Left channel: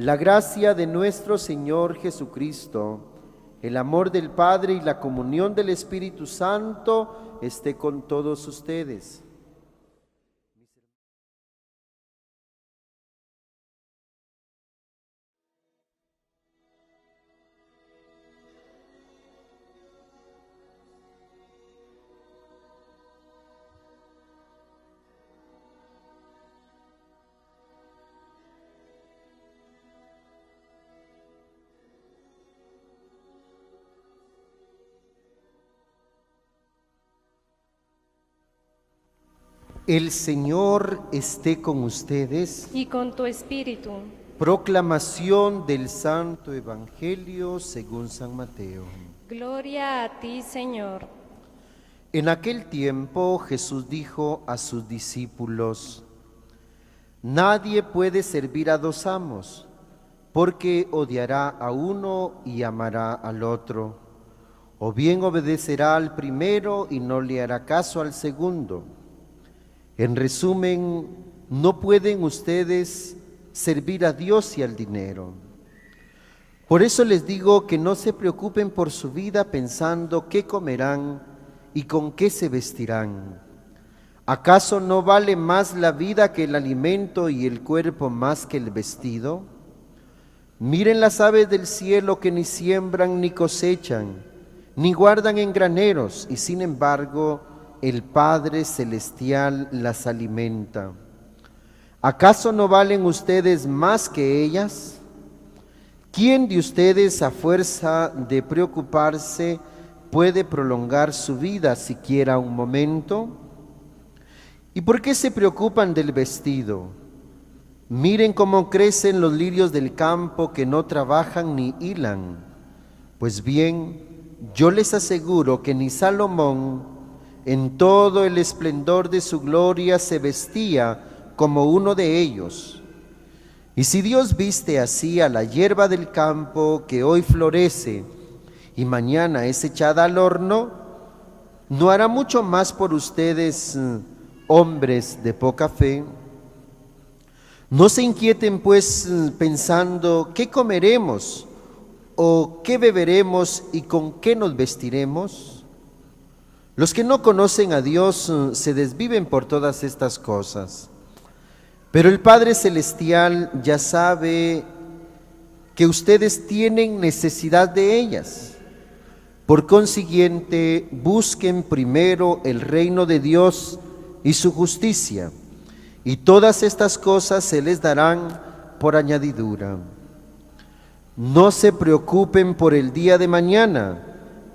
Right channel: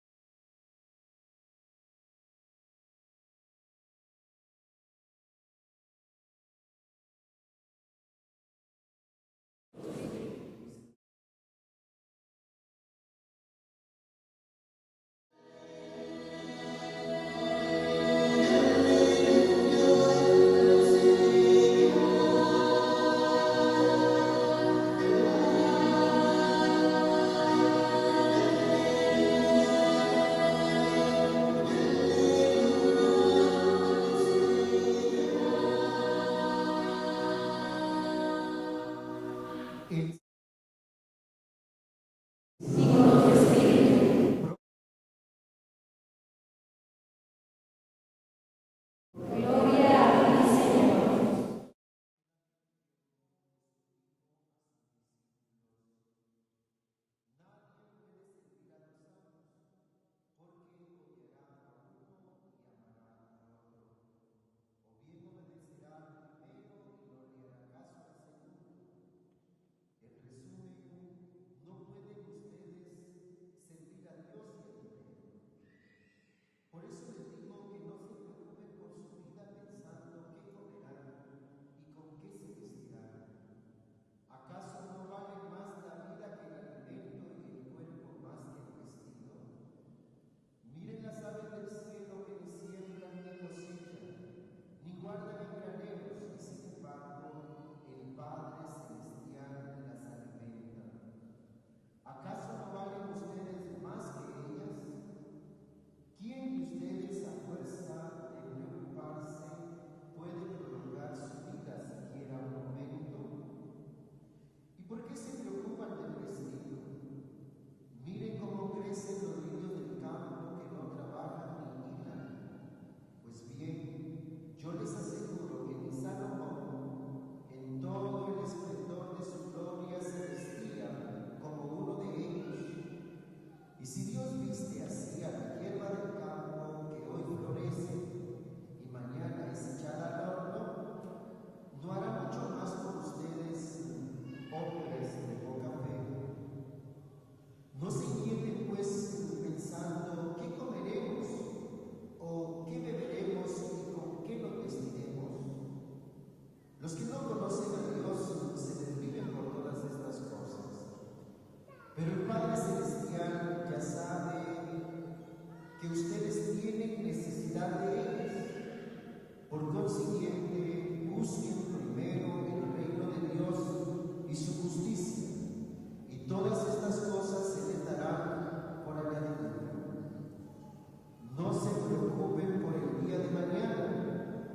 La gracia de nuestro Señor Jesucristo, el amor del Padre y la comunión del Espíritu Santo esté con todos ustedes. El Señor esté con ustedes. Y con tu espíritu. Proclamación del Santo Evangelio según San Mateo. Gloria a ti, Señor. En aquel tiempo Jesús dijo a sus discípulos: Nadie puede servir a dos amos, porque odiará a uno y amará al otro, o bien obedecerá al primero y no le hará caso al segundo. En resumen, no pueden ustedes servir a Dios y al dinero. Por eso les digo que no se preocupen por su vida pensando qué comerán y con qué se vestirán. ¿Acaso no vale más la vida que el alimento y el cuerpo más que el vestido? Miren las aves del cielo que ni siembran ni cosechan, ni guardan en graneros, y sin embargo el Padre Celestial las alimenta. ¿Acaso no valen ustedes más que ellas? ¿Quién de ustedes, a fuerza de preocuparse, puede prolongar su vida siquiera un momento? ¿Y por qué se preocupan del vestido? Miren cómo crecen los lirios del campo, que no trabajan ni hilan. Pues bien, yo les aseguro que ni Salomón, en todo el esplendor de su gloria, se vestía como uno de ellos. Y si Dios viste así a la hierba del campo, que hoy florece y mañana es echada al horno, ¿no hará mucho más por ustedes, hombres de poca fe? No se inquieten pues pensando qué comeremos o qué beberemos y con qué nos vestiremos. Los que no conocen a Dios se desviven por todas estas cosas. Pero el Padre Celestial ya sabe que ustedes tienen necesidad de ellas. Por consiguiente, busquen primero el reino de Dios y su justicia, y todas estas cosas se les darán por añadidura. No se preocupen por el día de mañana,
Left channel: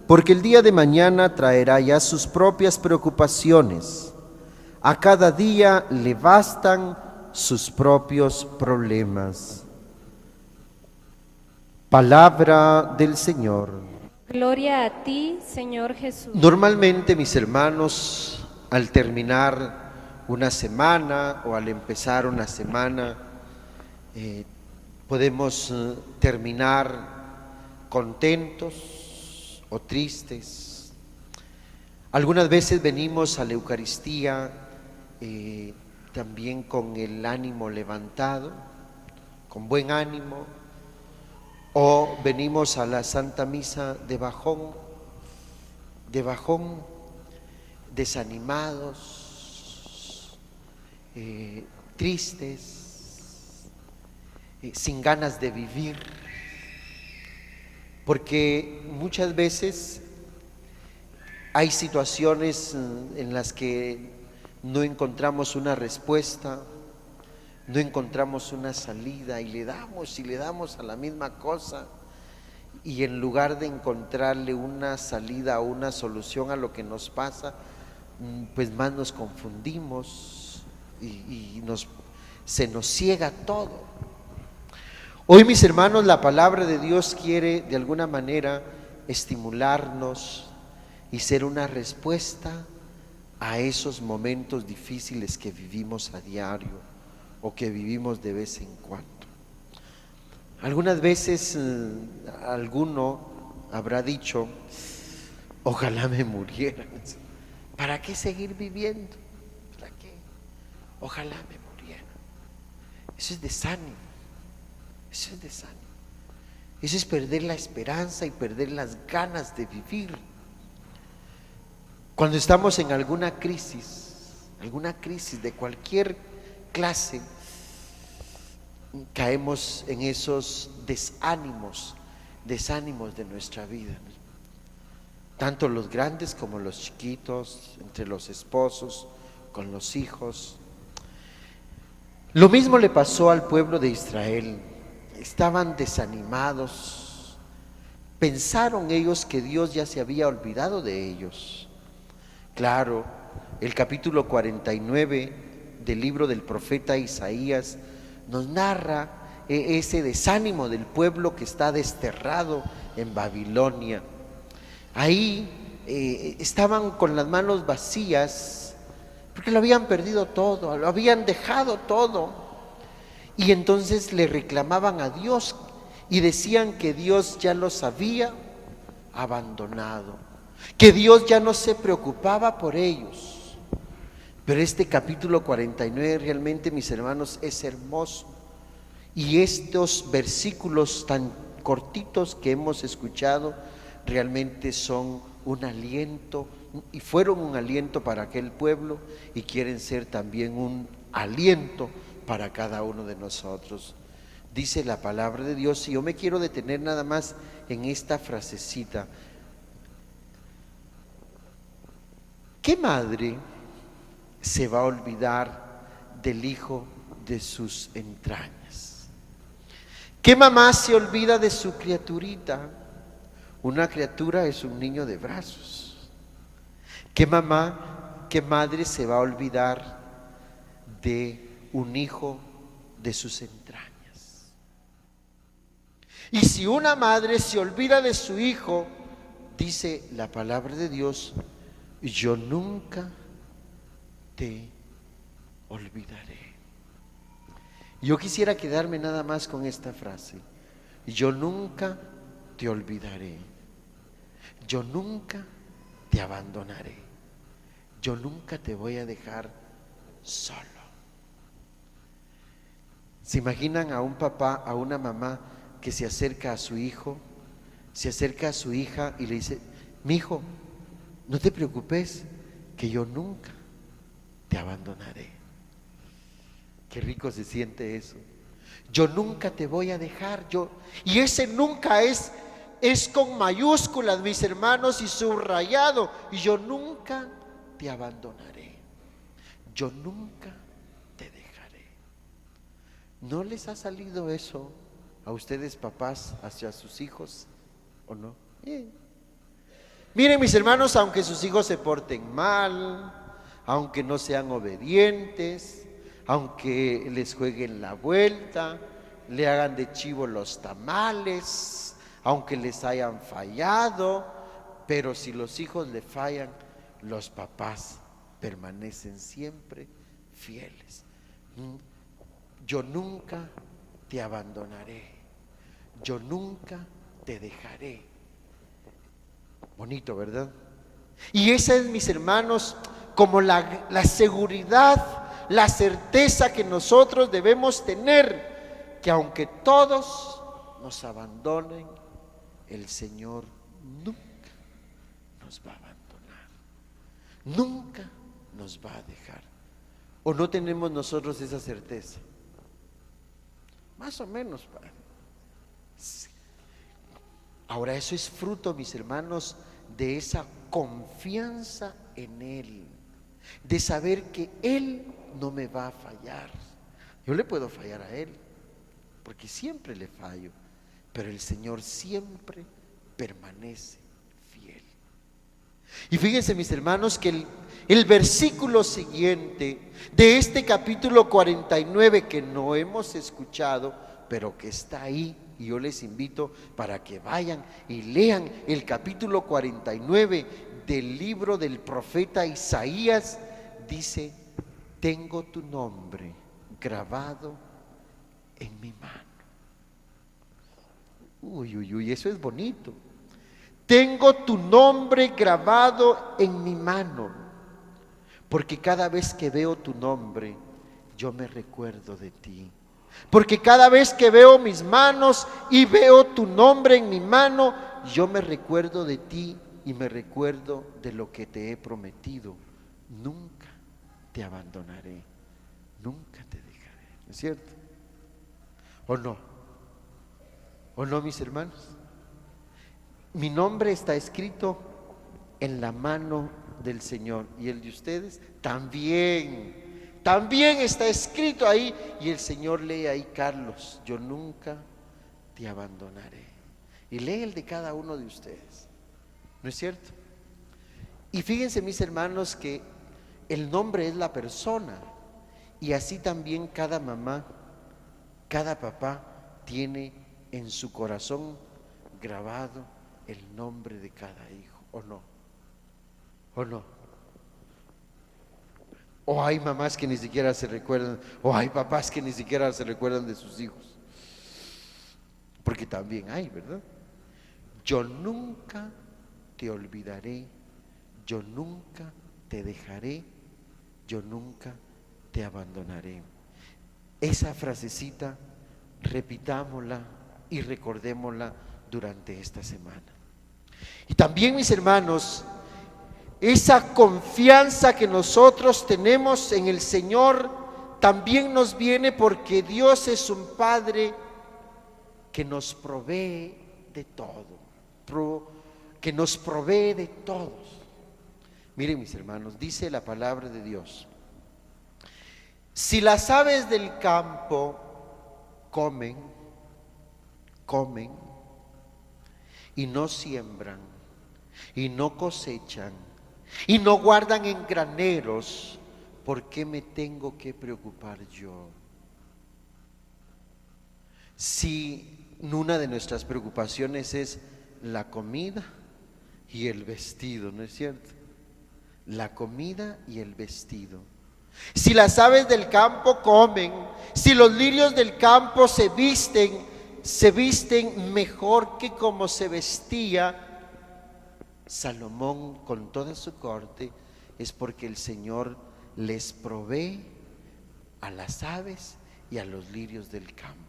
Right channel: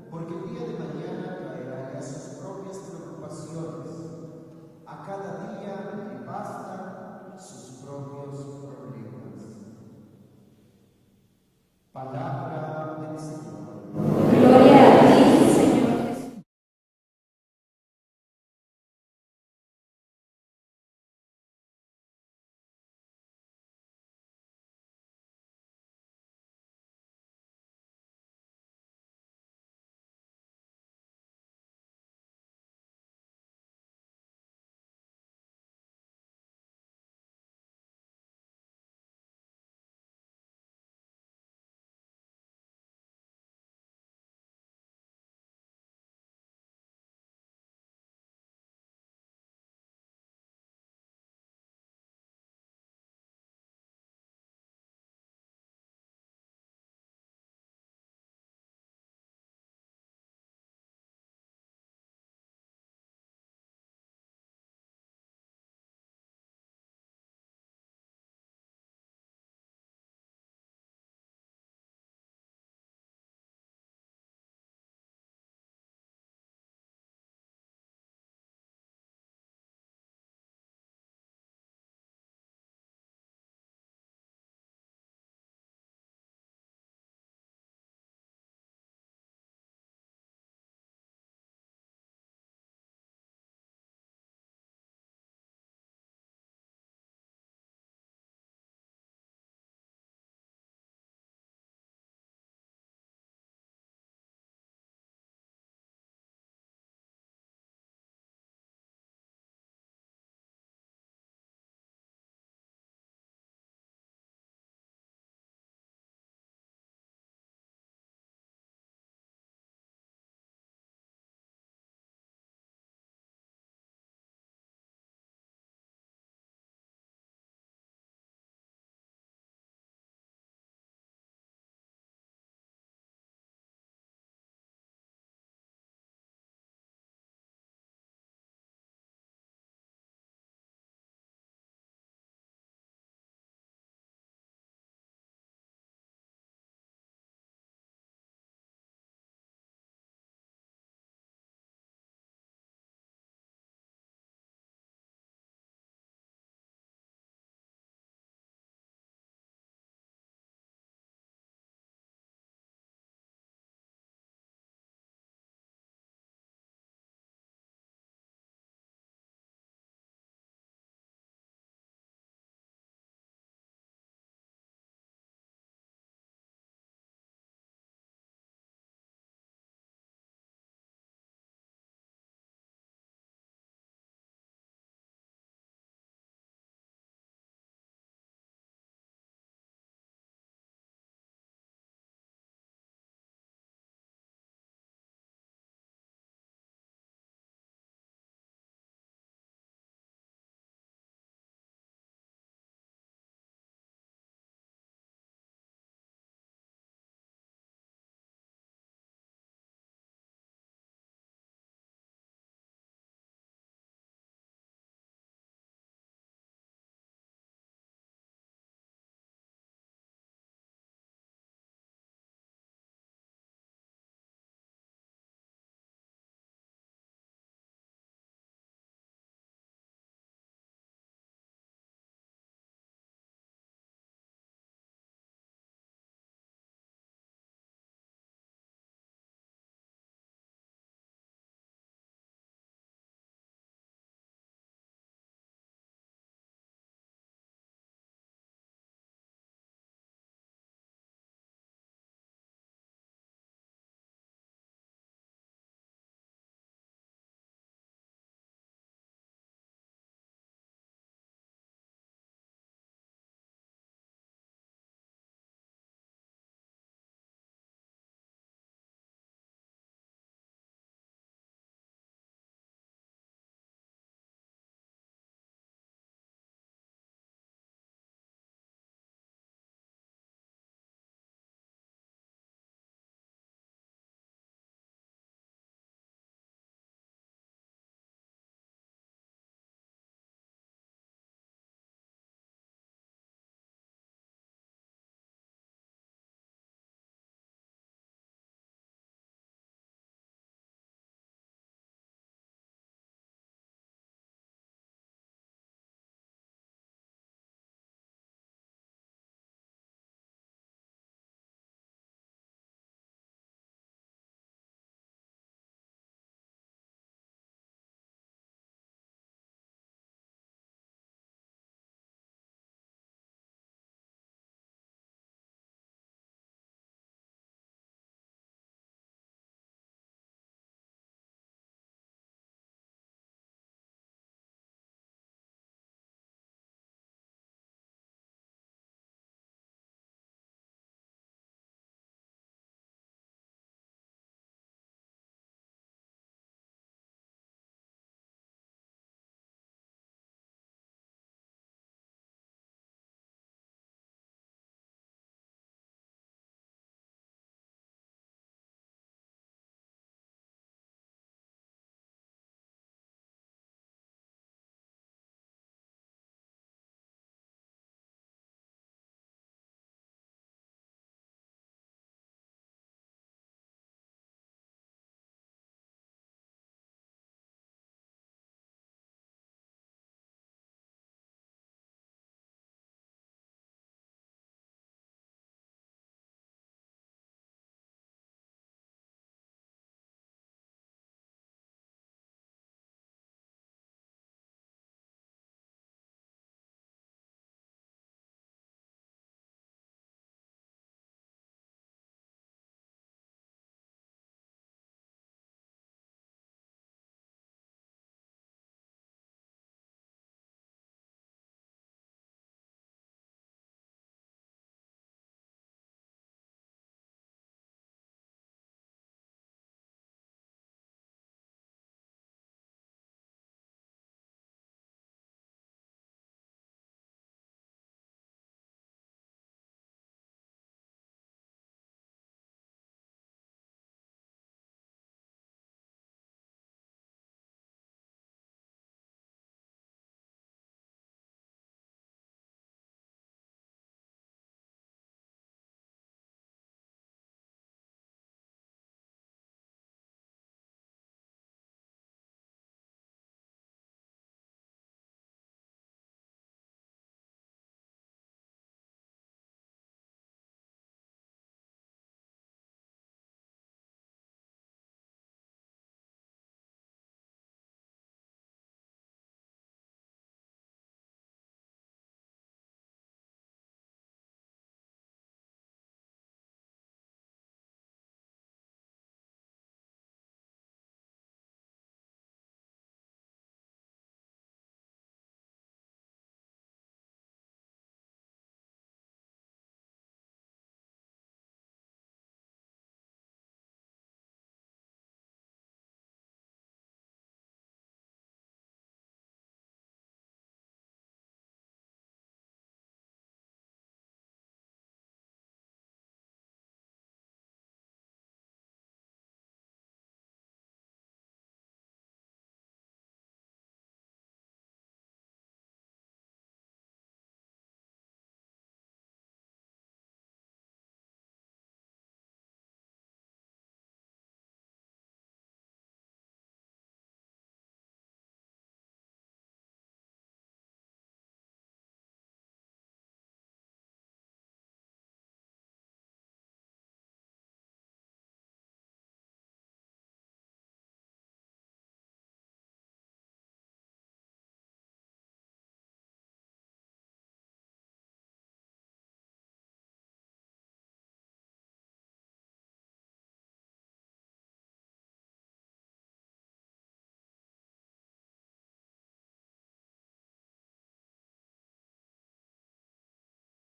porque el día de mañana traerá ya sus propias preocupaciones. A cada día le bastan sus propios problemas. Palabra del Señor. Gloria a ti, Señor Jesús. Normalmente, mis hermanos, al terminar una semana o al empezar una semana, podemos terminar contentos o tristes. Algunas veces venimos a la Eucaristía también con el ánimo levantado, con buen ánimo, o venimos a la Santa Misa de bajón, desanimados, tristes, sin ganas de vivir, porque muchas veces hay situaciones en las que no encontramos una respuesta, no encontramos una salida y le damos a la misma cosa, y en lugar de encontrarle una salida o una solución a lo que nos pasa, pues más nos confundimos y se nos ciega todo. Hoy, mis hermanos, la palabra de Dios quiere de alguna manera estimularnos y ser una respuesta a esos momentos difíciles que vivimos a diario o que vivimos de vez en cuando. Algunas veces alguno habrá dicho: ojalá me muriera. ¿Para qué seguir viviendo? ¿Para qué? Ojalá me muriera. Eso es desánimo, Eso es desánimo. Eso es perder la esperanza y perder las ganas de vivir. Cuando estamos en alguna crisis de cualquier clase, caemos en esos desánimos de nuestra vida, ¿no? Tanto los grandes como los chiquitos, entre los esposos, con los hijos. Lo mismo le pasó al pueblo de Israel. Estaban desanimados. Pensaron ellos que Dios ya se había olvidado de ellos. Claro, el capítulo 49 del libro del profeta Isaías nos narra ese desánimo del pueblo que está desterrado en Babilonia. Ahí estaban con las manos vacías porque lo habían perdido todo, lo habían dejado todo. Y entonces le reclamaban a Dios y decían que Dios ya los había abandonado, que Dios ya no se preocupaba por ellos. Pero este capítulo 49 realmente, mis hermanos, es hermoso. Y estos versículos tan cortitos que hemos escuchado realmente son un aliento, y fueron un aliento para aquel pueblo, y quieren ser también un aliento para cada uno de nosotros. Dice la palabra de Dios, y yo me quiero detener nada más en esta frasecita. ¿Qué madre se va a olvidar del hijo de sus entrañas? ¿Qué mamá se olvida de su criaturita? Una criatura es un niño de brazos. ¿Qué mamá, qué madre se va a olvidar de un hijo de sus entrañas? Y si una madre se olvida de su hijo, dice la palabra de Dios, yo nunca te olvidaré. Yo quisiera quedarme nada más con esta frase: yo nunca te olvidaré, yo nunca te abandonaré, yo nunca te voy a dejar solo. ¿Se imaginan a un papá, a una mamá que se acerca a su hijo, se acerca a su hija y le dice: mi hijo, no te preocupes, que yo nunca te abandonaré? Qué rico se siente eso. Yo nunca te voy a dejar. Y ese nunca es con mayúsculas, mis hermanos, y subrayado. Y yo nunca te abandonaré, yo nunca te dejaré. ¿No les ha salido eso a ustedes, papás, hacia sus hijos, o no? Miren, mis hermanos, aunque sus hijos se porten mal, aunque no sean obedientes, aunque les jueguen la vuelta, le hagan de chivo los tamales, aunque les hayan fallado, pero si los hijos le fallan, los papás permanecen siempre fieles. Yo nunca te abandonaré, yo nunca te dejaré. Bonito, ¿verdad? Y esa es, mis hermanos, como la seguridad, la certeza que nosotros debemos tener, que aunque todos nos abandonen, el Señor nunca nos va a abandonar, nunca nos va a dejar. ¿O no tenemos nosotros esa certeza? Más o menos, Padre. Sí. Ahora, eso es fruto, mis hermanos, de esa confianza en Él, de saber que Él no me va a fallar. Yo le puedo fallar a Él, porque siempre le fallo, pero el Señor siempre permanece fiel. Y fíjense, mis hermanos, que el versículo siguiente de este capítulo 49, que no hemos escuchado, pero que está ahí, y yo les invito para que vayan y lean el capítulo 49 del libro del profeta Isaías, dice: tengo tu nombre grabado en mi mano. Uy, uy, uy, eso es bonito. Tengo tu nombre grabado en mi mano, porque cada vez que veo tu nombre, yo me recuerdo de ti. Porque cada vez que veo mis manos y veo tu nombre en mi mano, yo me recuerdo de ti y me recuerdo de lo que te he prometido. Nunca te abandonaré, nunca te dejaré. ¿No es cierto? ¿O no? ¿O no, mis hermanos? Mi nombre está escrito en la mano del Señor, y el de ustedes también está escrito ahí, y el Señor lee ahí: Carlos, yo nunca te abandonaré. Y lee el de cada uno de ustedes, ¿no es cierto? Y fíjense, mis hermanos, que el nombre es la persona, y así también cada mamá, cada papá tiene en su corazón grabado el nombre de cada hijo, ¿o no? ¿O no? O hay mamás que ni siquiera se recuerdan, o hay papás que ni siquiera se recuerdan de sus hijos, porque también hay, ¿verdad? Yo nunca te olvidaré, yo nunca te dejaré, yo nunca te abandonaré. Esa frasecita, repitámosla y recordémosla durante esta semana. Y también, mis hermanos, esa confianza que nosotros tenemos en el Señor también nos viene porque Dios es un Padre que nos provee de todo, que nos provee de todos. Miren, mis hermanos, dice la palabra de Dios: si las aves del campo comen y no siembran y no cosechan y no guardan en graneros, ¿por qué me tengo que preocupar yo? Si una de nuestras preocupaciones es la comida y el vestido, ¿no es cierto? La comida y el vestido. Si las aves del campo comen, si los lirios del campo se visten mejor que como se vestía Salomón con toda su corte, es porque el Señor les provee a las aves y a los lirios del campo.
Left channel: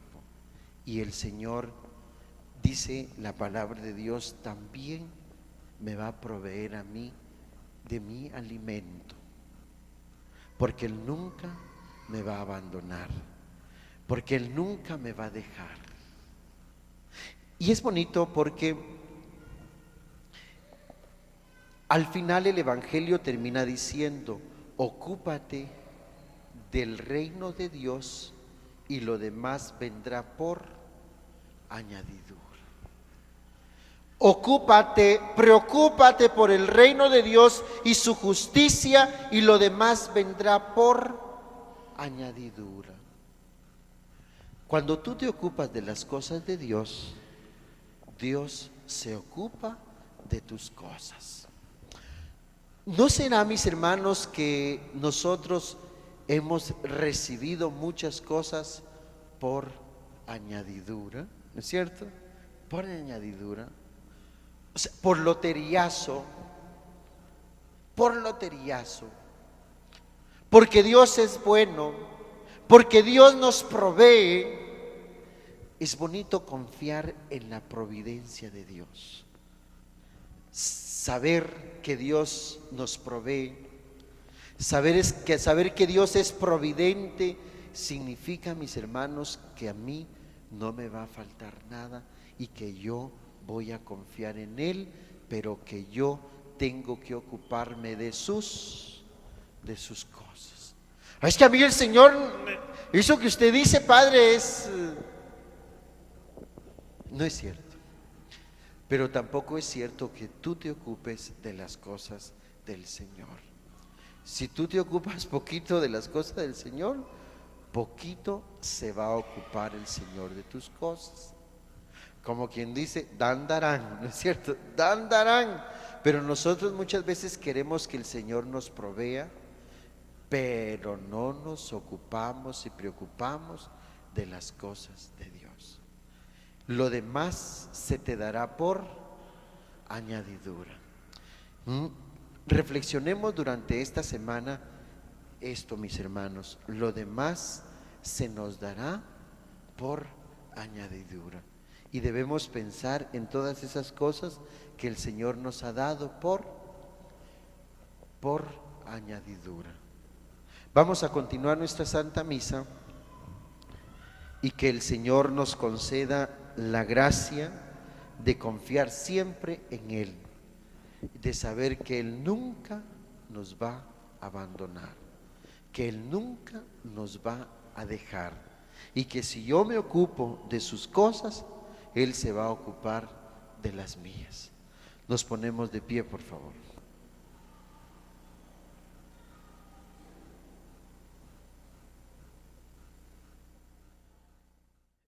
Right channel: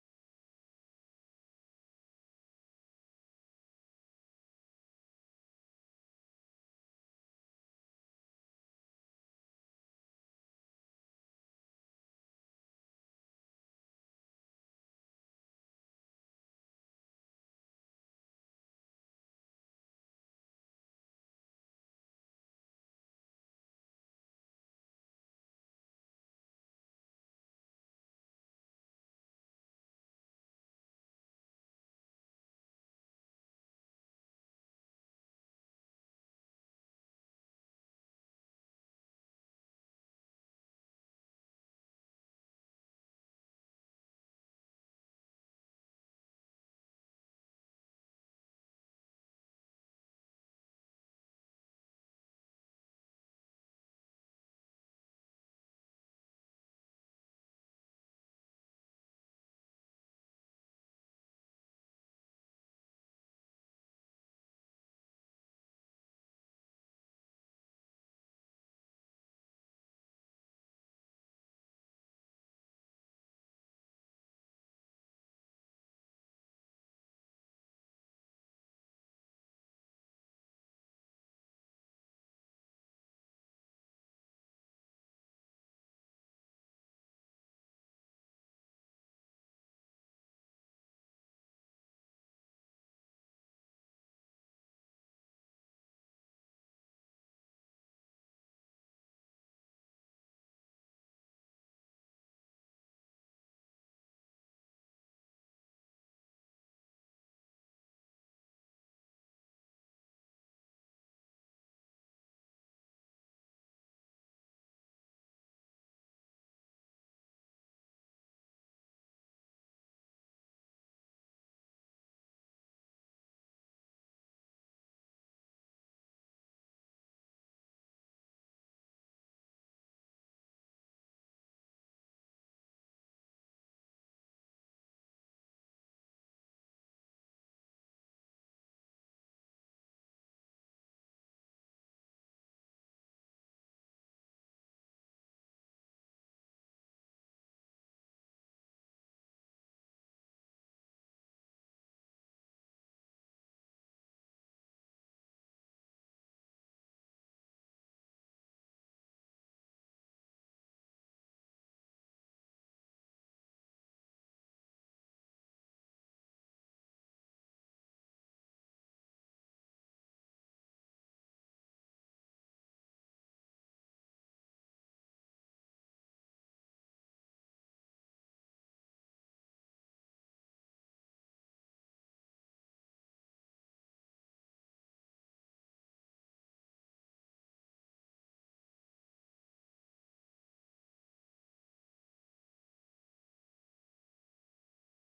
Y el Señor, dice la palabra de Dios, también me va a proveer a mí de mi alimento, porque Él nunca me va a abandonar, porque Él nunca me va a dejar. Y es bonito porque al final el Evangelio termina diciendo: ocúpate del reino de Dios y lo demás vendrá por añadidura. Preocúpate por el reino de Dios y su justicia, y lo demás vendrá por añadidura. Cuando tú te ocupas de las cosas de Dios, Dios se ocupa de tus cosas. ¿No será, mis hermanos, que nosotros hemos recibido muchas cosas por añadidura? ¿No es cierto? Por añadidura. O sea, por loteriazo. Porque Dios es bueno, porque Dios nos provee. Es bonito confiar en la providencia de Dios. Saber que Dios nos provee, saber que Dios es providente, significa, mis hermanos, que a mí no me va a faltar nada y que yo voy a confiar en Él, pero que yo tengo que ocuparme de sus cosas. Es que a mí el Señor, eso que usted dice, Padre, no es cierto. Pero tampoco es cierto que tú te ocupes de las cosas del Señor. Si tú te ocupas poquito de las cosas del Señor, poquito se va a ocupar el Señor de tus cosas. Como quien dice, dan darán, ¿no es cierto? Dan darán. Pero nosotros muchas veces queremos que el Señor nos provea, pero no nos ocupamos y preocupamos de las cosas de Dios. Lo demás se te dará por añadidura. Reflexionemos durante esta semana esto, mis hermanos. Lo demás se nos dará por añadidura. Y debemos pensar en todas esas cosas que el Señor nos ha dado por añadidura. Vamos a continuar nuestra Santa Misa y que el Señor nos conceda la gracia de confiar siempre en Él, de saber que Él nunca nos va a abandonar, que Él nunca nos va a dejar, y que si yo me ocupo de sus cosas, Él se va a ocupar de las mías. Nos ponemos de pie, por favor.